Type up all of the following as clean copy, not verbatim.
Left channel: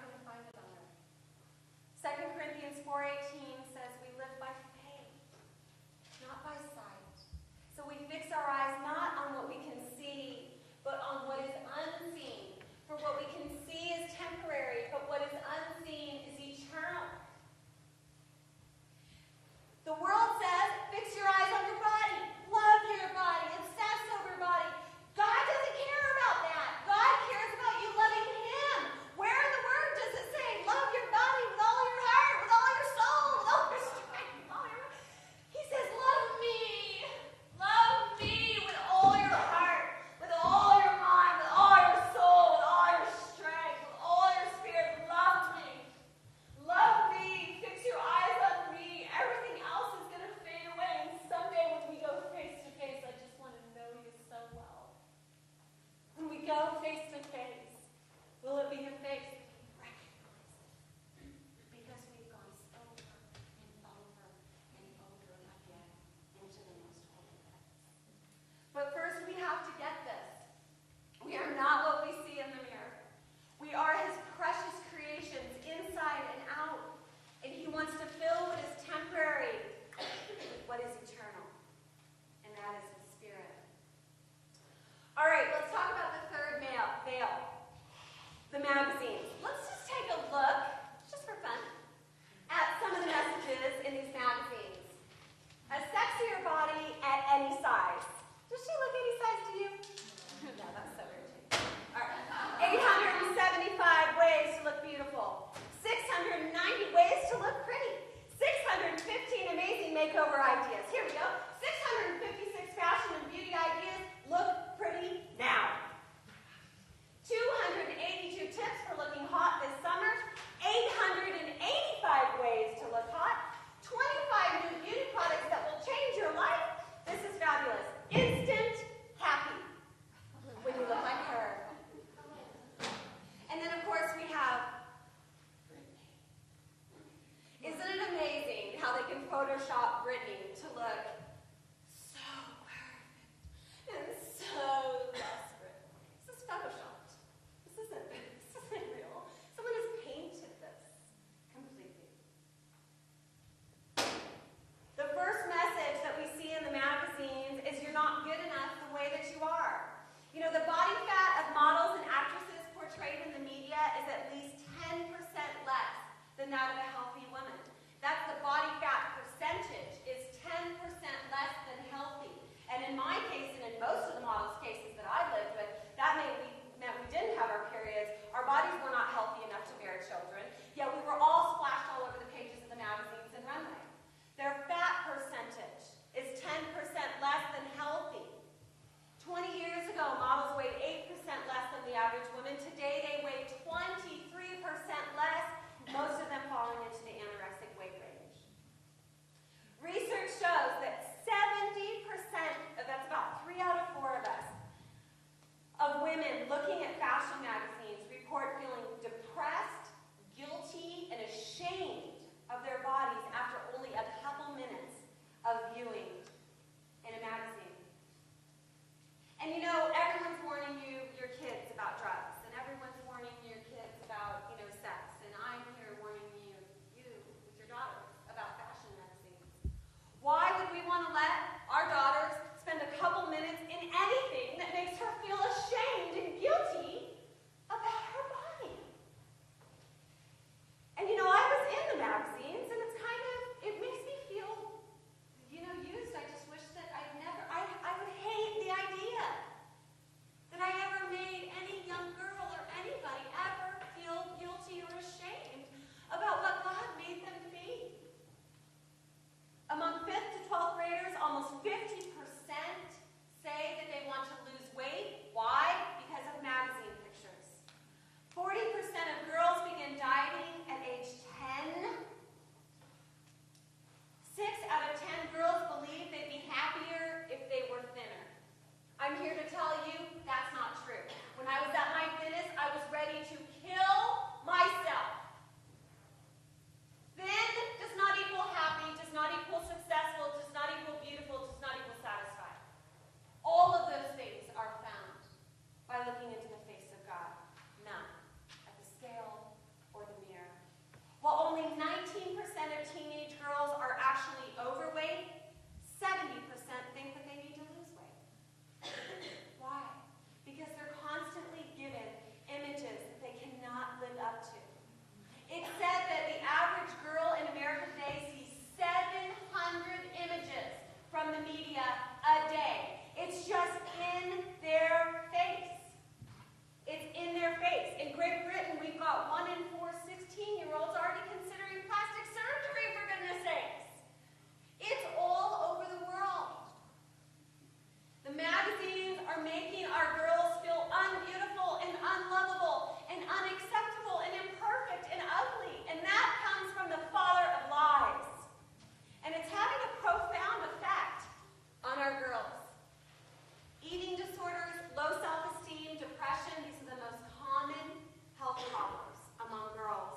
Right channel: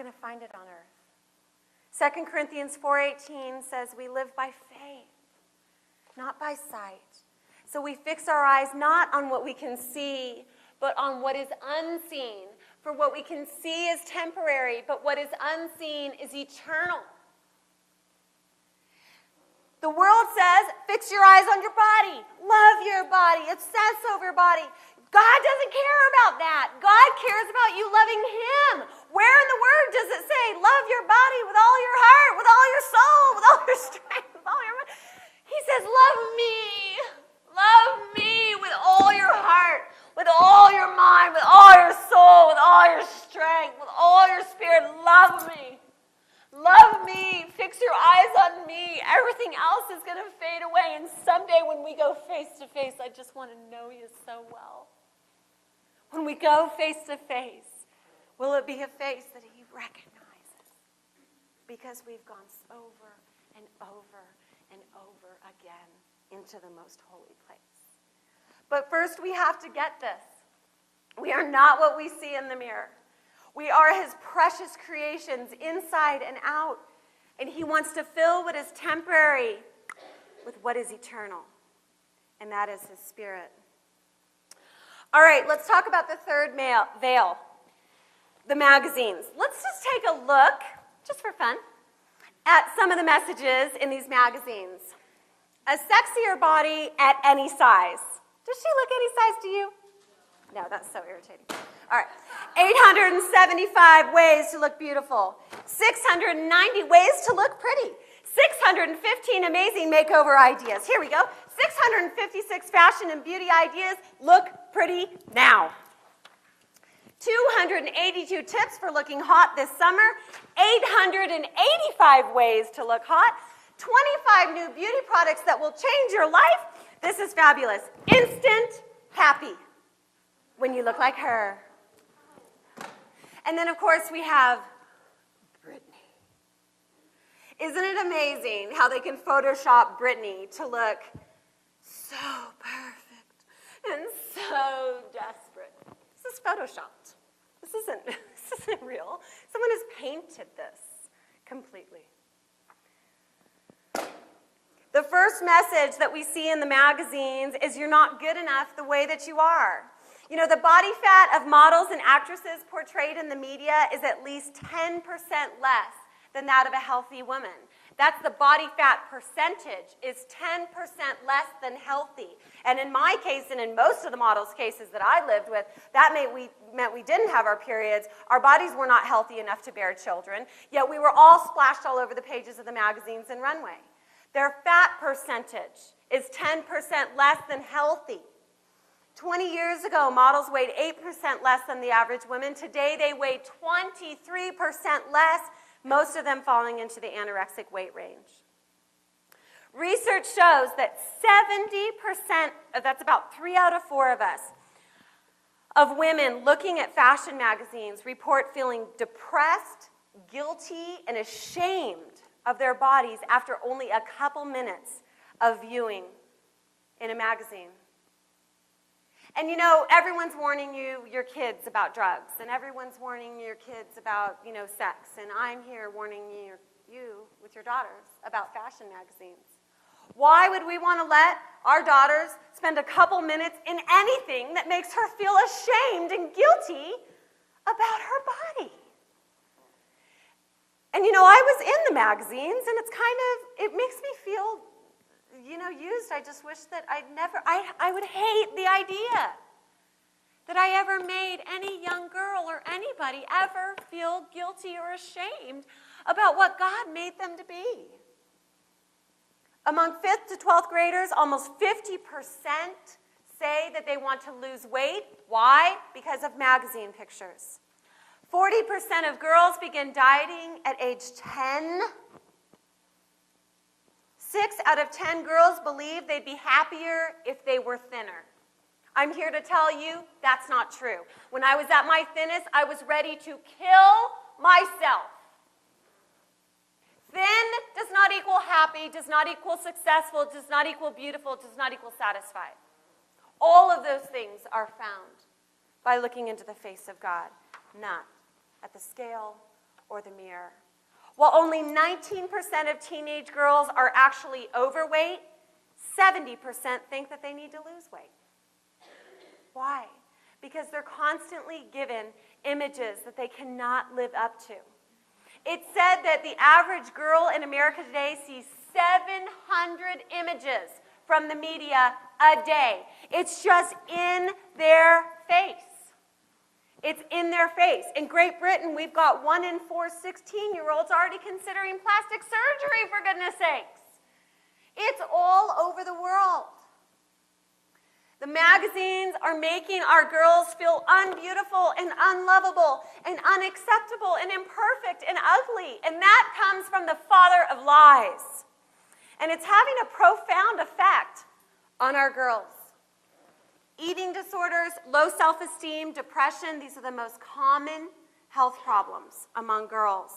going to find it on earth. 2 Corinthians 4:18 says we live by faith, not by sight. So we fix our eyes not on what we can see, but on what is unseen. For what we can see is temporary, but what is unseen is eternal. The world says, fix your eyes on your body. Love your body. Obsess over your body. God doesn't care about that. God cares about you loving Him. Where in the Word does it say, love your body with all your heart, with all your soul, with all your strength, with all your mind? He says, love me. Love me with all your heart, with all your mind, with all your soul, with all your strength, with all your spirit. Love me. Love me. Fix your eyes on me. Everything else is going to fade away. And someday when we go face to face, I just want to know you so well. When we go face to face, will it be a face that He recognizes? Because we've gone over and over and over again into the most holy place. But first we have to get this. We are not what we see in the mirror. We are His precious creations inside and out. And He wants to fill what is temporary with what is eternal. And that is His Spirit. All right, let's talk about the third veil, the magazines. Let's just take a look, just for fun, at some of the messages in these magazines. A sexier body at any size. Does she look any size to you? No, that's so irritating. All right. 875 ways to look beautiful. 690 ways to look pretty. 615 amazing makeover ideas. Here we go. 656 fashion and beauty ideas. Look pretty now. 282 tips for looking hot this summer. 885 ways to look hot. 25 new beauty products that will change your life. This is fabulous. Instant happy when you look like her. And then, of course, we have Britney. Isn't it amazing how they can Photoshop Britney to look so perfect and so desperate? This is Photoshopped. This isn't real. Someone has painted this completely. The first message that we see in the magazines is you're not good enough the way that you are. You know, the body fat of models and actresses portrayed in the media is at least 10% less than that of a healthy woman. That's the body fat percentage is 10% less than healthy. And in my case, and in most of the models' cases that I lived with, that meant we didn't have our periods. Our bodies were not healthy enough to bear children, yet we were all splashed all over the pages of the magazines and runway. Their fat percentage is 10% less than healthy. 20 years ago, models weighed 8% less than the average woman. Today, they weigh 23% less, most of them falling into the anorexic weight range. Research shows that 70%, that's about 3 out of 4 of us, of women looking at fashion magazines report feeling depressed, guilty, and ashamed of their bodies after only a couple minutes of viewing in a magazine. And you know, everyone's warning your kids about drugs, and everyone's warning your kids about, sex, and I'm here warning you with your daughters about fashion magazines. Why would we want to let our daughters spend a couple minutes in anything that makes her feel ashamed and guilty about her body? And I was in the magazines, and it makes me feel used. I just wish that I would hate the idea that I ever made any young girl or anybody ever feel guilty or ashamed about what God made them to be. Among 5th to 12th graders, almost 50% say that they want to lose weight. Why? Because of magazine pictures. 40% of girls begin dieting at age 10. 6 out of 10 girls believe they'd be happier if they were thinner. I'm here to tell you that's not true. When I was at my thinnest, I was ready to kill myself. Thin does not equal happy, does not equal successful, does not equal beautiful, does not equal satisfied. All of those things are found by looking into the face of God, not at the scale or the mirror. While only 19% of teenage girls are actually overweight, 70% think that they need to lose weight. Why? Because they're constantly given images that they cannot live up to. It's said that the average girl in America today sees 700 images from the media a day. It's just in their face. It's in their face. In Great Britain, we've got 1 in 4 16-year-olds already considering plastic surgery, for goodness sakes. It's all over the world. The magazines are making our girls feel unbeautiful and unlovable and unacceptable and imperfect and ugly. And that comes from the father of lies. And it's having a profound effect on our girls. Eating disorders, low self-esteem, depression, these are the most common health problems among girls.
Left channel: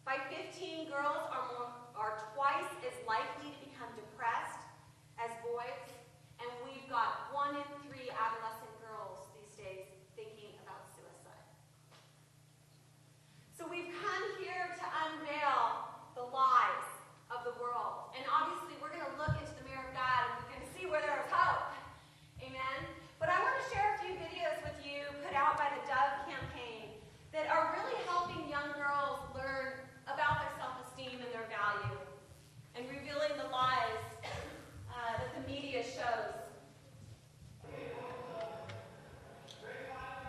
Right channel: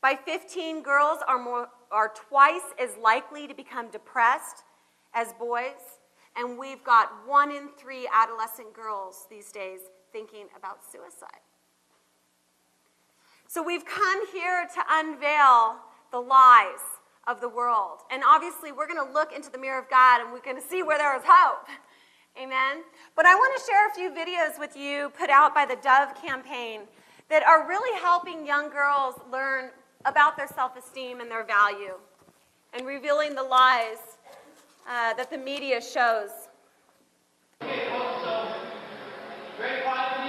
By 15, girls are twice as likely to become depressed as boys, and we've got 1 in 3 adolescent girls these days thinking about suicide. So we've come here to unveil the lies of the world. And obviously, we're going to look into the mirror of God, and we're going to see where there is hope. Amen? But I want to share a few videos with you put out by the Dove campaign that are really helping young girls learn about their self-esteem and their value and revealing the lies that the media shows. Okay, folks, so very quietly.